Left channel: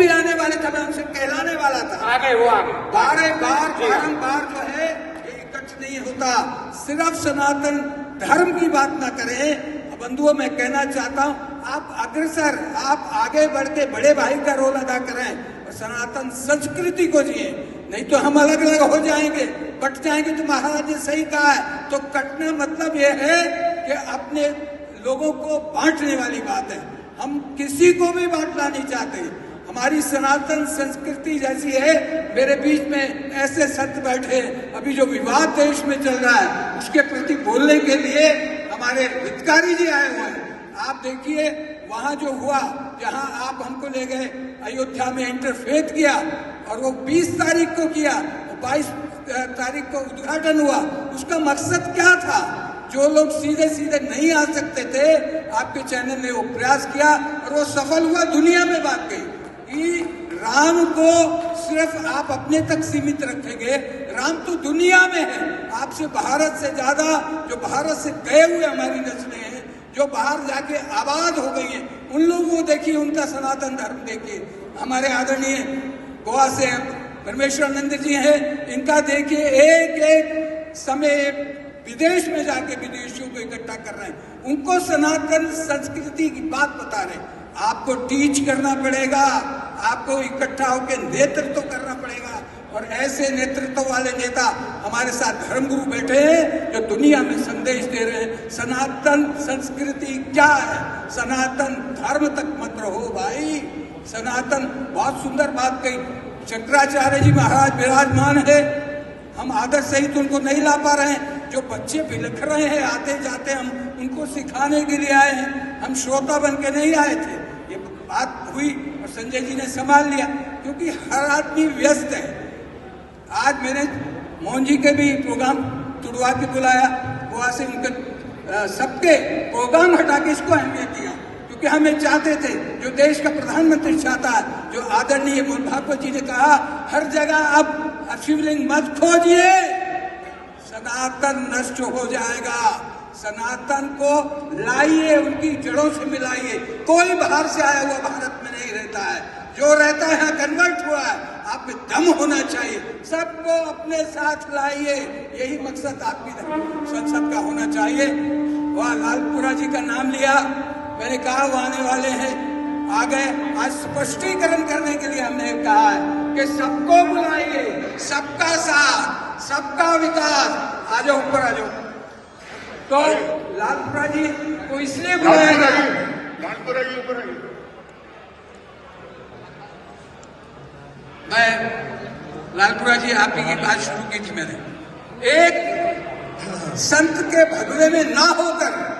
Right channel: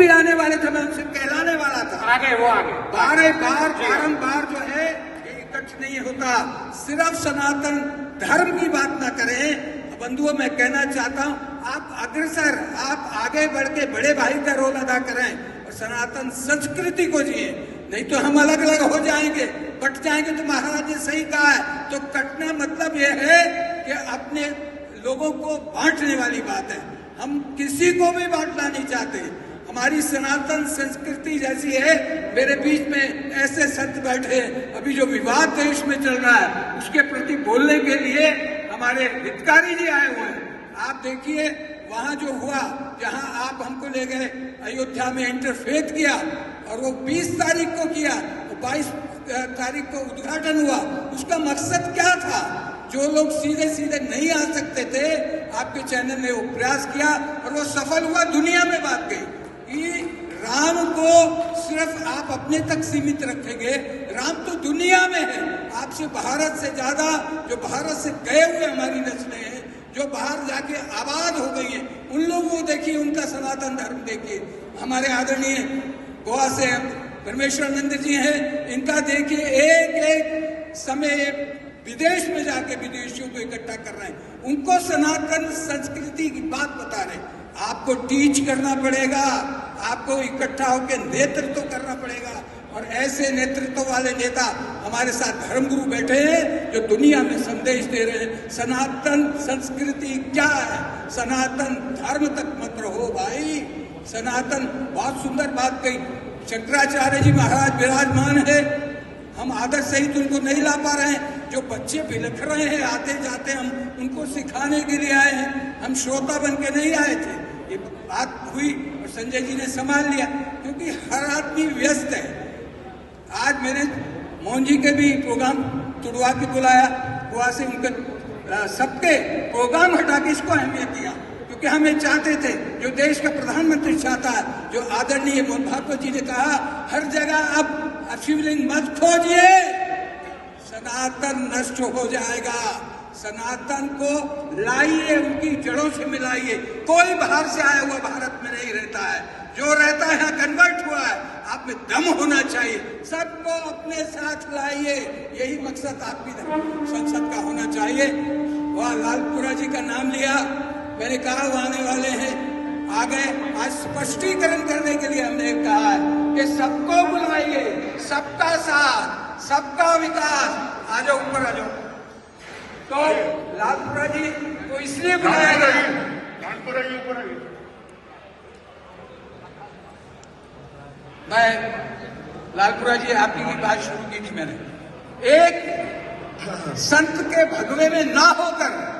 भी आने वाले था, मैं उनसे कहलाने वाला था। आगे वो आगे बारंबार जो है इकट्ठ नहीं होता। सिर्फ सनातन धर्म की बात ना करें। बंधुओं, मैं कहना चाहता हूं, आप अग्रसर, आप आगे बढ़ के बड़े भाई का रोल अदा करें और सनातन संस्कृति को जिए। नहीं तो हम अलग अलग हो जाएंगे, कट जाएंगे। तो महाराज ने सही कहा है, तो कटना मतलब यह है कि अपने लोगों को बांटने वाली बात है। हम किसी को भी बांटना नहीं चाहते। हमारी सनातन संस्कृति जैसी है। मेरे बीच में ऐसे संत बैठे हैं, अभी जो विवाद देश में चल रहा है उसके प्रति बोलने के लिए हमारे हितकारी जी आए हुए हैं। आप देखिए वहां जो हुआ, जहां आप हमको ले गए अयोध्या में, इंटरफेथ किया और वो 20 तारीख को किया, 22 तारीख को उद्घाटन हुआ। उसका मकसद क्या था? जो लोग सीधे सीधे नहीं आ सकते थे, आपके चैनल ने वो प्रयास किया और वो सफल हुआ, दुनिया में बात गई कि राम को सिर्फ आप अपने तक सीमित रखेंगे, राम तो दुनिया में है। आपसे भारत से ज्यादा जो भारत से गए हुए हमारी नस्लें हैं, जो बाहर जाके आबाद हो गई हैं, उन लोगों को देखिए, उनका सनातन धर्म देखिए। हमारे आदरणीय गोवा से परमेश्वरानंद जी हैं, इनका देखिए, एक एक समय विदेश में जाके विदेशियों को इकट्ठा कर रहे हैं, उनको सनातन संस्कृति की बात बता रहे हैं। आपको टीच करना पड़ेगा, आपको इकट्ठा होकर नेतृत्व करना पड़ेगा। और ऐसे नेतृत्व वाले नेता हमारे साथ धर्मगुरु बैठे हैं जो दुनिया में संदेश दे रहे हैं। सनातन संस्कृति क्या है? सनातन धर्म तक मत रहो भाई। सनातन, बहुत सुंदर बात कही शंकराचार्य जी महाराज विराजमान है, हम आदर्श सहित उनको नहीं ला पा रहे हैं। जो बच्चे बिलख रहे हैं आते जाते, हम उनको सिखाने के लिए आए हैं, हम श्रोता बन के नहीं आए थे। ये बात हुई और संजय जी ने संभाल लिया, क्योंकि हर आदमी व्यस्त है। आज मैंने मोहन जी के भी प्रोग्राम तुड़वा के बुलाया, गोवा से उनके सबके प्रोग्राम हटा के इसको अहमियत दिया, क्योंकि हम ये चाहते थे, जो देश का प्रधानमंत्री चाहता है, जो आदरणीय मोहन भागवत जी ने कहा, हर जगह अब शिवलिंग मत खोजिए, सनातन नष्ट हो जाएगा। सनातन को लाइए, उनकी जड़ों से मिलाइए। कोई बाहर से आया हुआ भारत में नहीं रहता है, जो रहता है कन्वर्ट हुआ है। आप में दम होना चाहिए, सबको अपने साथ लाइए, यही मकसद आपकी संसद का होना चाहिए। वह लालपुरा जी का नाम लिया, मैंने कहा वो आने वाले हैं, आ गए। आज स्पष्टीकरण करने के लिए हमने कहा है कि सबको बुलाइए, सबका साथ, सबका विकास। आ जाओ, ऊपर आ जाओ। तो लालपुरा जी को इसलिए बुलाया गया, लालपुरा जी ऊपर आइए। मैं लालपुरा जी आपकी की बात शुरू की थी मैंने। एक संत के भगवे में ना होकर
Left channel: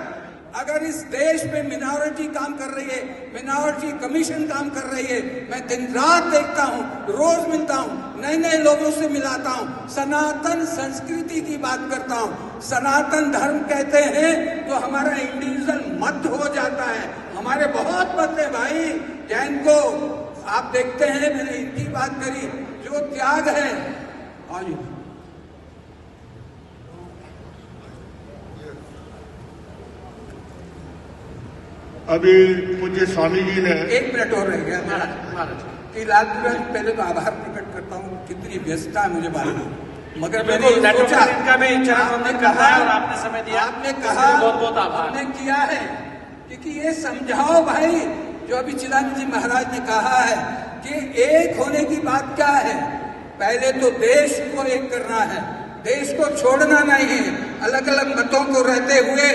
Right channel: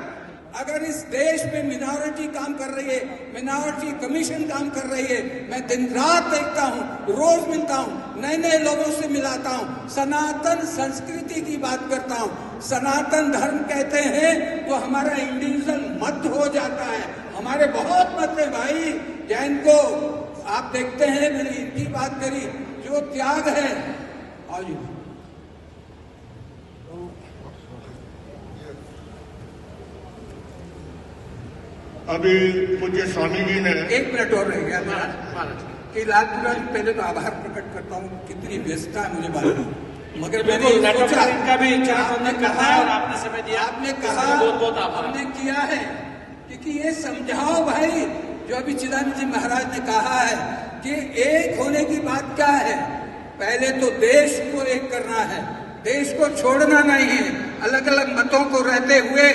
अगर इस देश में मिनॉरिटी काम कर रही है, मिनॉरिटी कमीशन काम कर रही है, मैं दिन रात देखता हूँ, रोज मिलता हूँ, नए नए लोगों से मिलाता हूँ, सनातन संस्कृति की बात करता हूँ। सनातन धर्म कहते हैं तो हमारा इंडिविजुअल मत हो जाता है। हमारे बहुत मत है भाई। जैन को आप देखते हैं, मैंने इनकी बात करी, जो त्याग है। अभी मुझे स्वामी जी ने 1 मिनट और रह गया कि लालपुरा जी, पहले तो आभार प्रकट करता हूँ, कितनी व्यस्तता है मुझे मालूम, मगर मैंने सोचा, इनका भी आपने कहा और आपने समय दिया, आपने कहा, बहुत बहुत आभार आपने किया है, क्योंकि ये समझाओ भाई, जो अभी चिदानंद जी महाराज ने कहा है कि एक होने की बात क्या है। पहले तो देश को एक करना है, देश को छोड़ना नहीं है। अलग अलग मतों को रहते हुए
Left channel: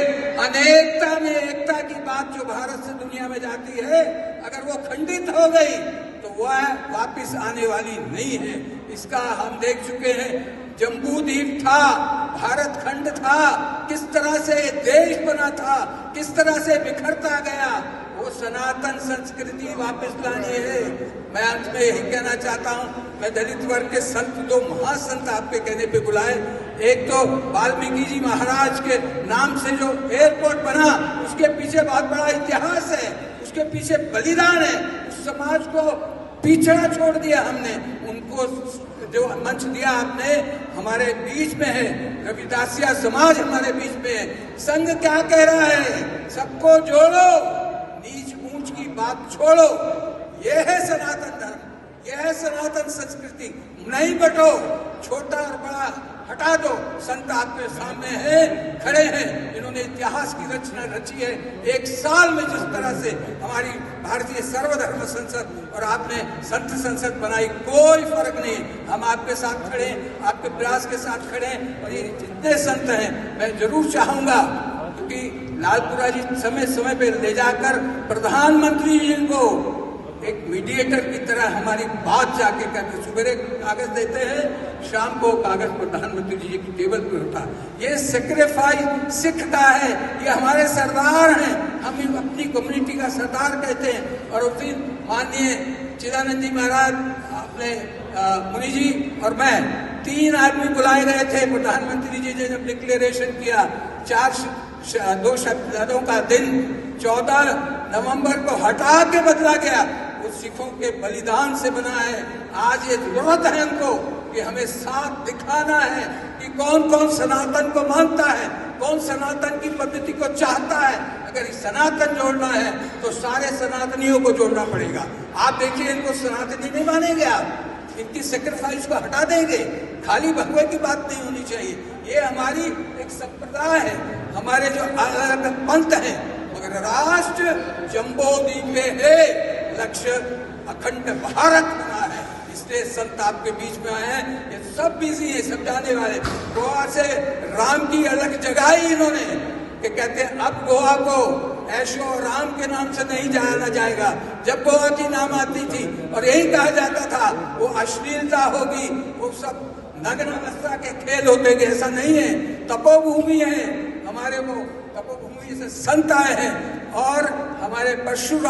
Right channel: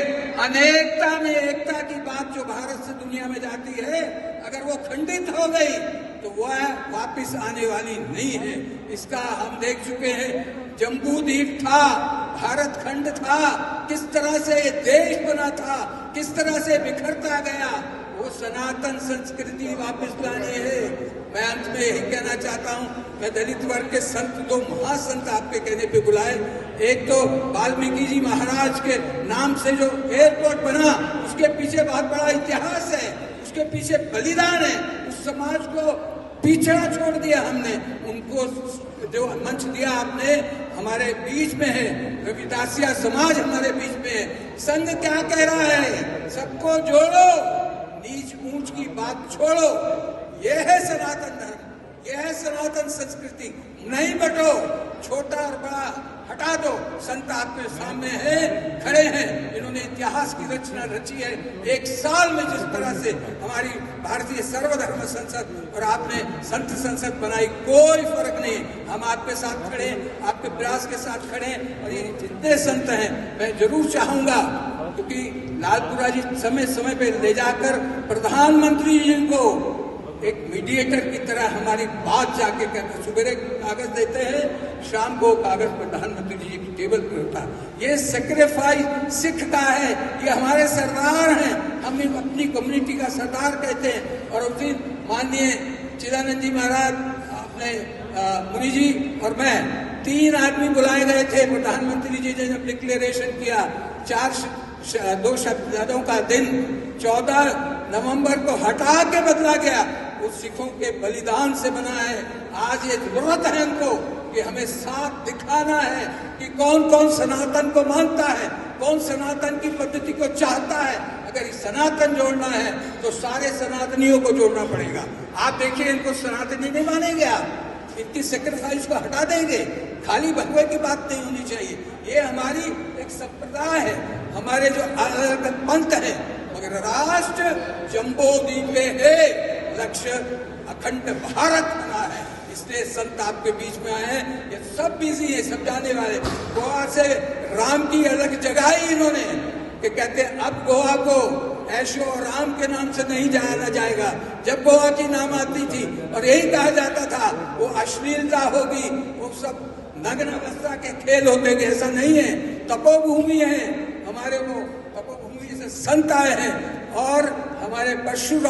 अनेकता में एकता की बात जो भारत से दुनिया में जाती है, अगर वो खंडित हो गई तो वह वापस आने वाली नहीं है। इसका हम देख चुके हैं। जम्बू द्वीप था, भारत खंड था, किस तरह से देश बना था, किस तरह से बिखरता गया। वो सनातन संस्कृति वापस लानी है। मैं अंत में यही कहना चाहता हूँ, मैं दलित वर्ग के संत, 2 महासंत आपके कहने पे बुलाए। एक तो वाल्मीकि जी महाराज के नाम से जो एयरपोर्ट बना, उसके पीछे बहुत बड़ा इतिहास है, उसके पीछे बलिदान है। उस समाज को पिछड़ा छोड़ दिया हमने, उनको जो मंच दिया आपने, हमारे बीच में है। रविदासिया समाज हमारे बीच में है। संघ क्या कह रहा है? सबको जोड़ो, नीच ऊंच की बात छोड़ो। यह है सनातन धर्म। संस्कृति नहीं बटो, छोटा और बड़ा हटा दो। संत आपके सामने है, खड़े हैं, इन्होंने इतिहास की रचना रची है। एक साल में जिस तरह से हमारी भारतीय सर्वधर्म संसद और आपने संत संसद बनाई, कोई फर्क नहीं। हम आपके साथ खड़े हैं, आपके प्रयास के साथ खड़े हैं। और ये जितने संत हैं, मैं जरूर चाहूंगा, क्योंकि लालपुरा जी समय समय पे ले जाकर प्रधानमंत्री जी को एक मीडिएटर की तरह हमारी बात जाके करके, सुबह कागज देते हैं, शाम को कागज प्रधानमंत्री जी की टेबल पे होता। ये सेक्रीफाइस सिख का है, ये हमारे सरदार हैं, हम अपनी कम्युनिटी का सरदार कहते हैं। और उस दिन माननीय चिदानंद जी महाराज, अपने मुनि जी और मैं, 3 आदमी बुलाए गए थे। प्रधानमंत्री जी ने जब डिक्लेरेशन किया, 2 शब्दों का दिन 14 नवंबर को हटा के बदला गया, वो सिखों के बलिदान से बना है। आज ये जरूरत है हमको कि हमें साथ दिखाना है कि कौन कौन सनातन को मानता है, कौन सनातन की पद्धति को चाहता है। अगर सनातन जोड़ना है तो सारे सनातनियों को जोड़ना पड़ेगा। आप देखिए, इनको सनातनी नहीं मानेंगे, आप इनकी सेक्रीफाइस को हटा देंगे। खाली भगवे की बात नहीं होनी चाहिए। ये हमारी एक संप्रदाय है, हमारे जो अलग अलग पंथ है, मगर राष्ट्र जम्बो द्वीप है, लक्ष्य अखंड भारत बना है। इसलिए संत आपके बीच में आए हैं। ये सब बिजी है, सब जाने वाले। गोवा से राम की अलग जगाई इन्होंने, कि कहते हैं अब गोवा को ऐशो और राम के नाम से नहीं जाना जाएगा। जब गोवा की नाम आती थी और यही कहा जाता था वो अश्लीलता होगी, वो सब नग्न अवस्था के खेल होते हैं। ऐसा नहीं है, तपोभूमि है हमारे, वो तपोभूमि से संत आए हैं। और हमारे परशुराम